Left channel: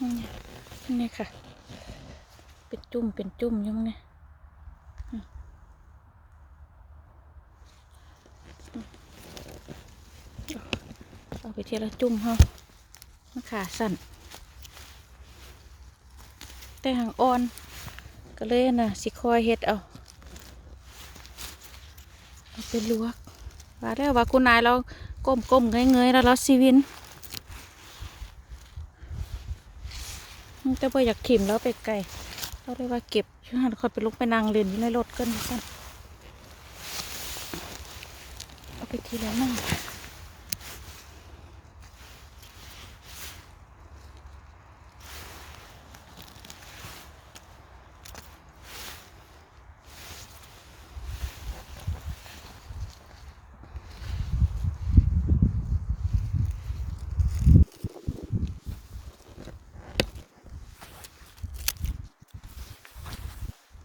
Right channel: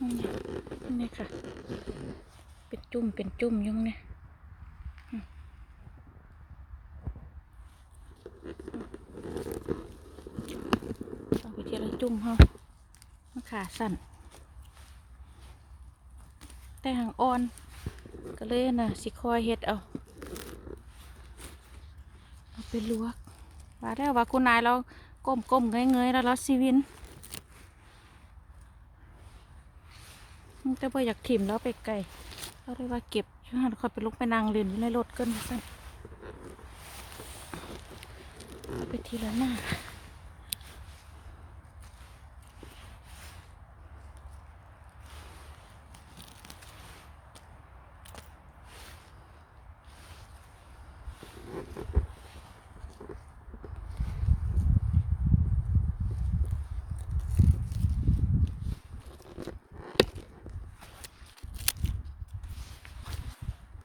นี่ค่ะ เป็นจุ่มเป็นจุ่มยุ่งเนี่ยอืมอืมเอาไปเทีละจุ่มเฮามันขาสั่น แต่หางอ่อน ก็เลยน่ะสิคอยเฮ็ดเอา เอาไปลวก ว่าแล้ว่าคุณนายเราก้มก้มเงยเงยๆแล้วเราซีวิน จะไปอยากขิมแล้วไปไกลเราเลยว่าเก็บช่วยหันคอยไปลุกไปนางเล่นอยู่ในรถกันสั้นเอาไปทีละหน้าค่ะ